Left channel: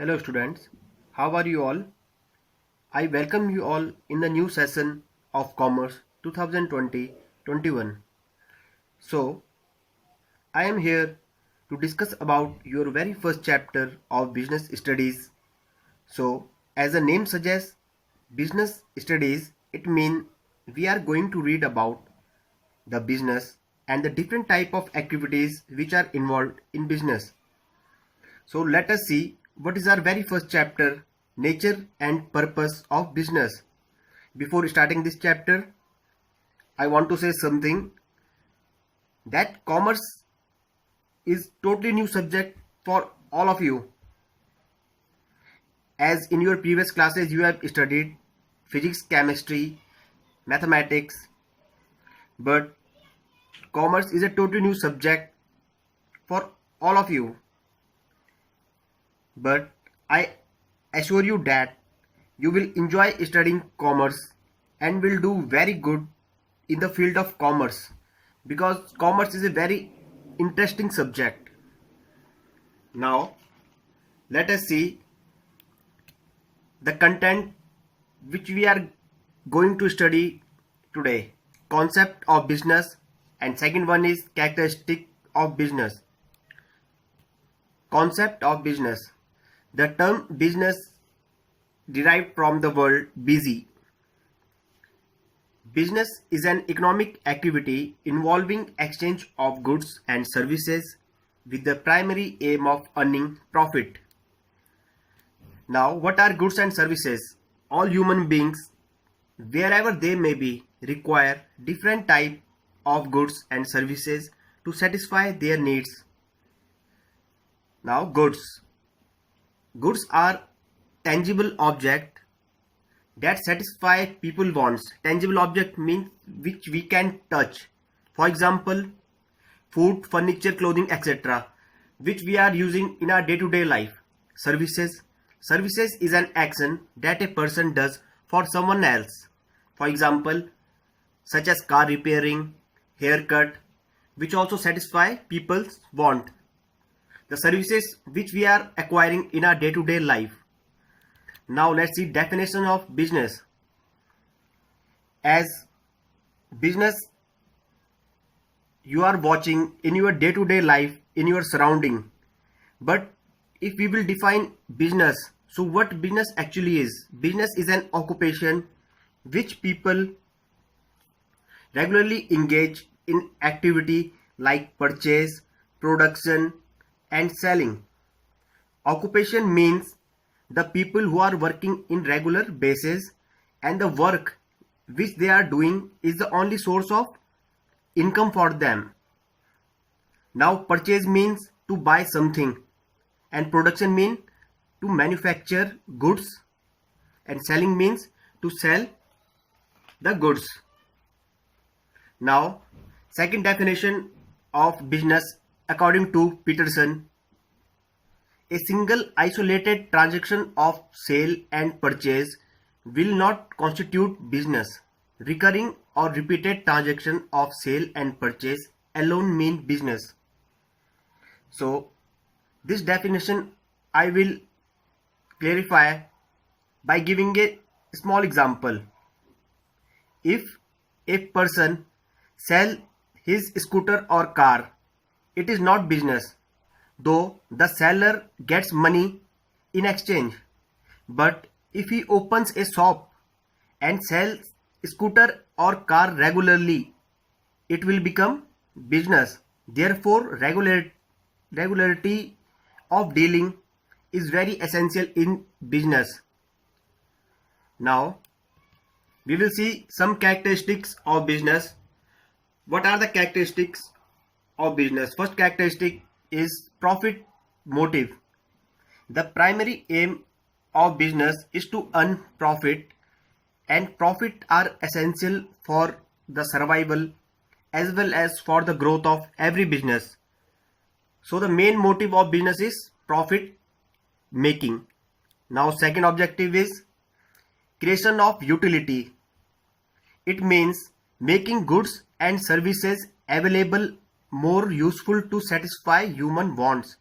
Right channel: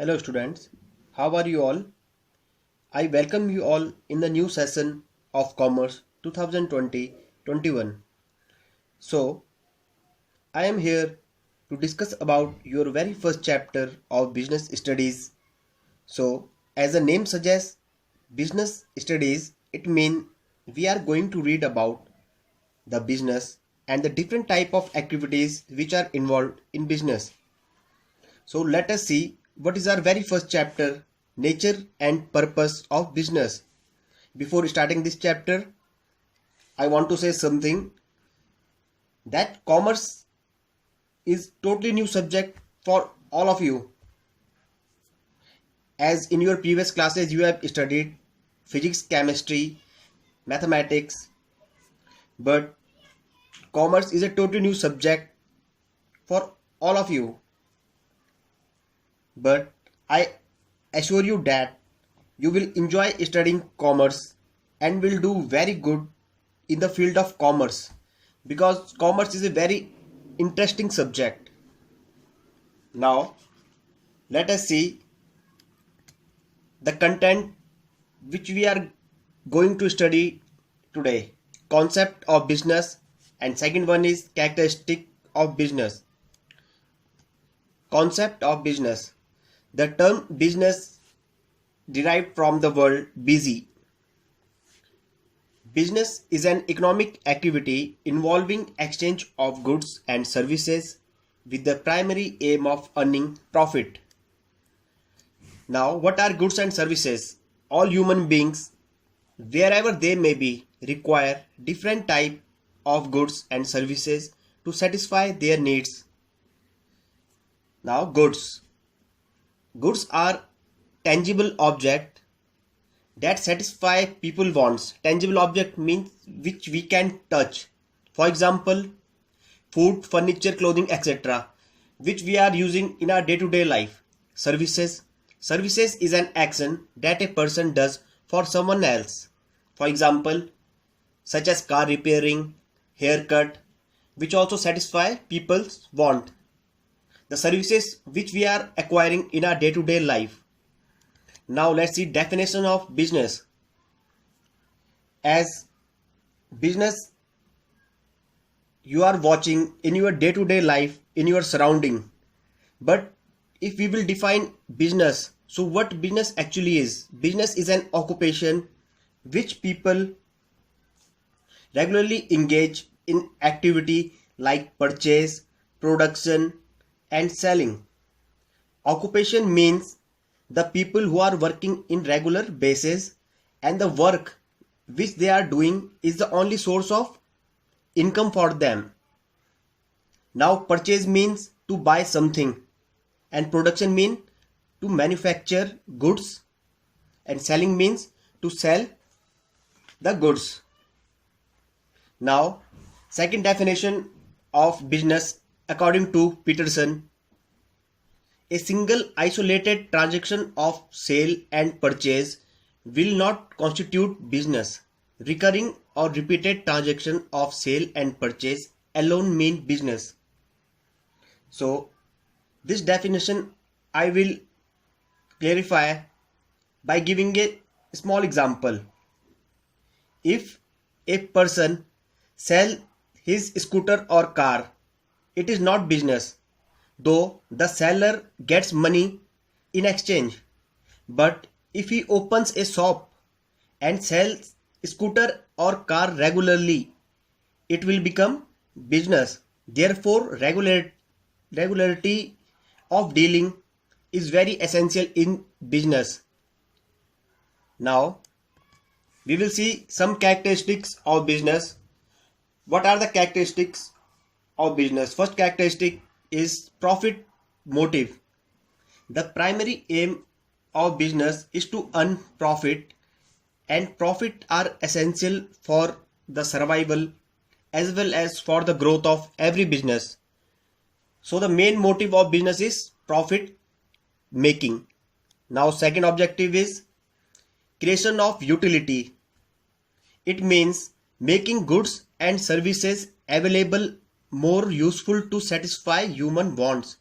Hello students, how are you all? I welcome you all in the new session of Commerce 2020-21. So, I am here to discuss about your very first chapter of business studies. So, as the name suggests, business studies, it means we are going to read about the business and the different type of activities which are involved in business. So let us see what is our very first chapter, nature and purpose of business. Before starting this chapter, I want to say something that commerce is totally new subject for all of you. As in your previous classes you have studied physics, chemistry, mathematics, but commerce is a totally new subject for all of you. But I assure you that you will enjoy studying commerce and will do very good in the field of commerce because commerce is a very interesting subject. Now, let us see the content which we are going to study today. Concept of business, and second one is characteristic of business. Concept of business. The term business derived from the word busy. Business is an economic activity involving exchange of goods and services with the primary aim of earning profit. Now, what are goods and services? All human beings, wherever they may be, require different type of goods and services to satisfy their needs. Now, goods. Goods are tangible object that satisfy people wants. Tangible object means which we can touch. For example, food, furniture, clothing, etc., which we are using in our day-to-day life. Services. Services is an action that a person does for someone else. For example, such as car repairing, haircut, which also satisfy people's want. The services which we are acquiring in our day-to-day life. Now let's see definition of business. As business you are watching in your day-to-day life, in your surrounding. But if we will define business, so what business actually is? Business is an occupation which people regularly engage in activity like purchase, production and selling. Occupation means the people who are working in regular basis and the work which they are doing is the only source of income for them. Now purchase means to buy something and production means to manufacture goods and selling means to sell the goods. Now second definition of business according to Peterson, a single isolated transaction of sale and purchase will not constitute business. Recurring or repeated transaction of sale and purchase alone mean business. So this definition I will clarify by giving a small example. If a person sell his scooter or car, it is not business, though the seller gets money in exchange. But if he opens a shop and sells scooter or car regularly, it will become business. Therefore, regularity of dealing is very essential in business. Now, we will see some characteristics of business. What are the characteristics of business? First characteristic is profit motive. The primary aim of business is to earn profit, and profit are essential for the survival as well as for the growth of every business. So the main motive of business is profit making. Now second objective is creation of utility. It means making goods and services available more useful to satisfy human wants.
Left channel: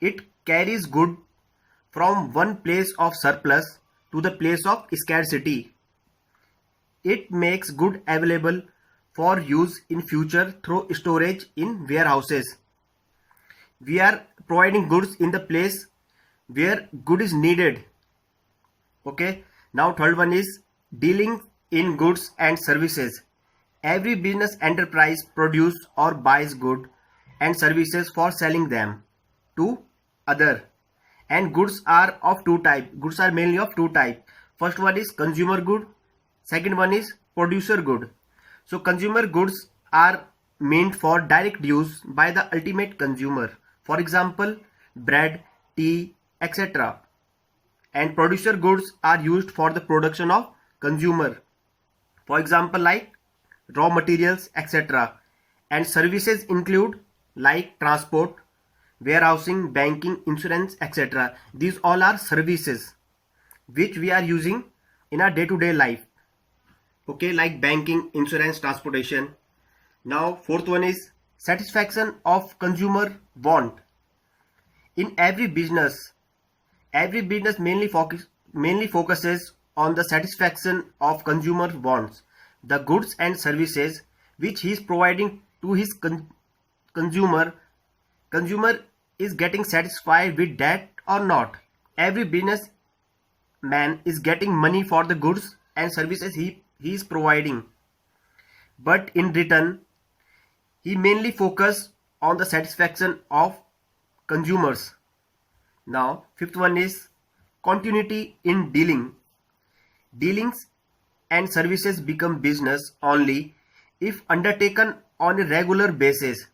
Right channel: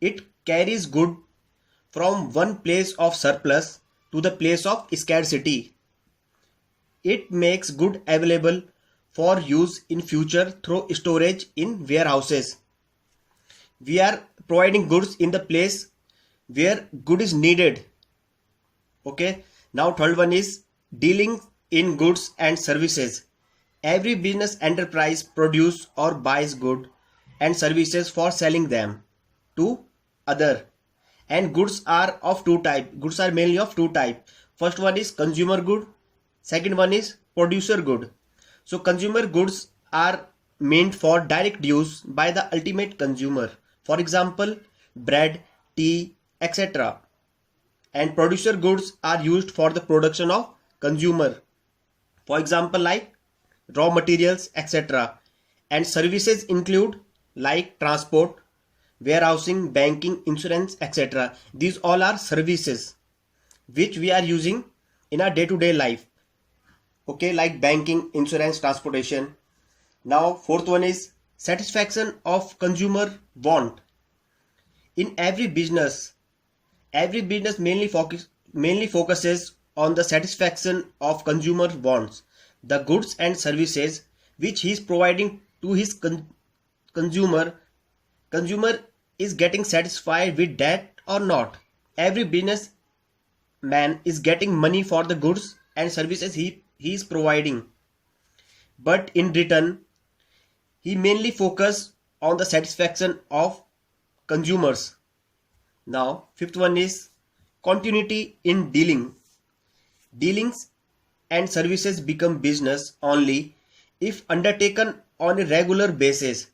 It carries good from one place of surplus to the place of scarcity. It makes good available for use in future through storage in warehouses. We are providing goods in the place where good is needed. Okay. Now third one is dealing in goods and services. Every business enterprise produce or buys good and services for selling them to other. And goods are of two type. Goods are mainly of two type. First one is consumer good. Second one is producer good. So consumer goods are meant for direct use by the ultimate consumer. For example, bread, tea, etc. And producer goods are used for the production of consumer. For example, like raw materials, etc. And services include like transport, warehousing, banking, insurance, etc. These all are services which we are using in our day-to-day life. Okay, like banking, insurance, transportation. Now fourth one is satisfaction of consumer want. In every business mainly focuses on the satisfaction of consumer wants, the goods and services which he is providing to his consumer is getting satisfied with that or not. Every business man is getting money for the goods and services he is providing, but in return he mainly focus on the satisfaction of consumers. Now fifth one is continuity in dealings and services become business only if undertaken on a regular basis.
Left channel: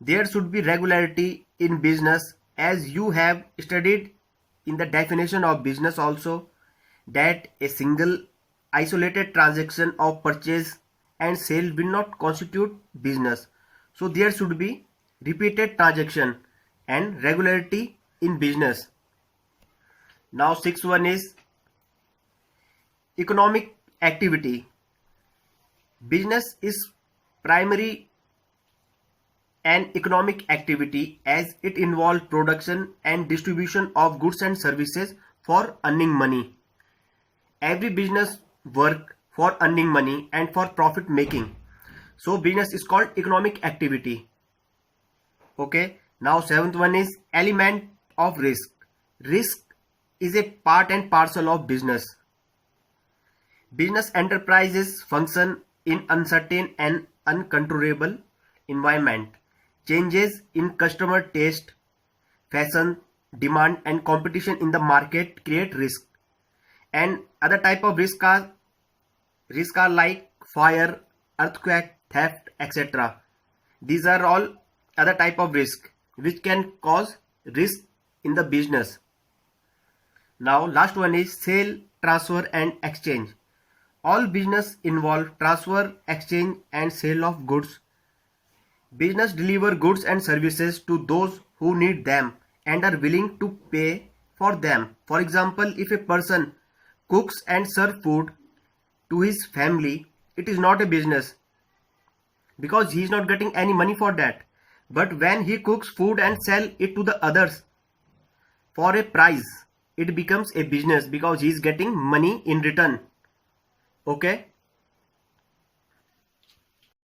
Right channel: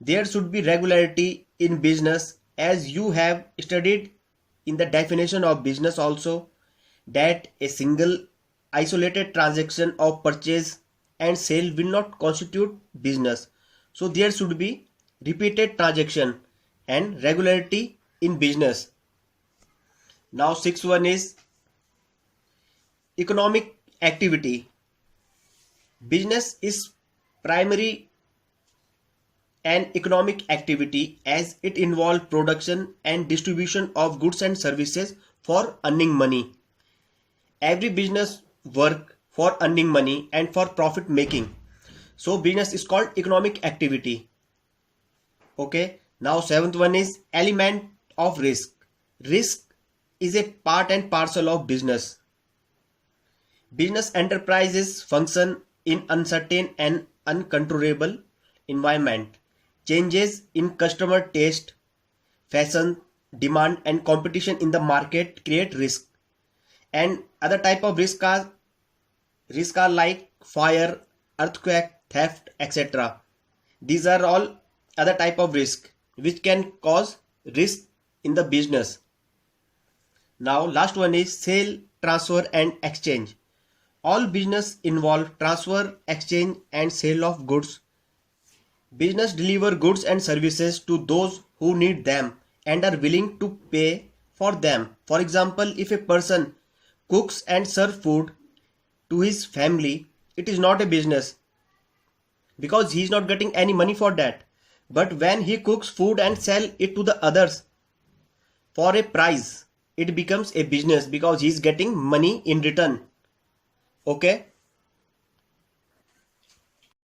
There should be regularity in business, as you have studied in the definition of business also, that a single isolated transaction of purchase and sale will not constitute business. So there should be repeated transaction and regularity in business. Now sixth one is economic activity. Business is primary an economic activity as it involves production and distribution of goods and services for earning money. Every business work for earning money and for profit making. So business is called economic activity. Okay. Now seventh one is element of risk. Risk is a part and parcel of business. Business enterprises function in uncertain and uncontrollable environment. Changes in customer taste, fashion, demand and competition in the market create risk. And other type of risk are like fire, earthquake, theft, etc. These are all other type of risk which can cause risk in the business. Now last one is sale, transfer and exchange. All business involve transfer, exchange and sale of goods. Business deliver goods and services to those who need them and are willing to pay for them. For example, if a person cooks and serves food to his family, it is not a business because he is not getting any money for that. But when he cooks food and sell it to the others for a price, it becomes a business because he is getting money in return. Okay.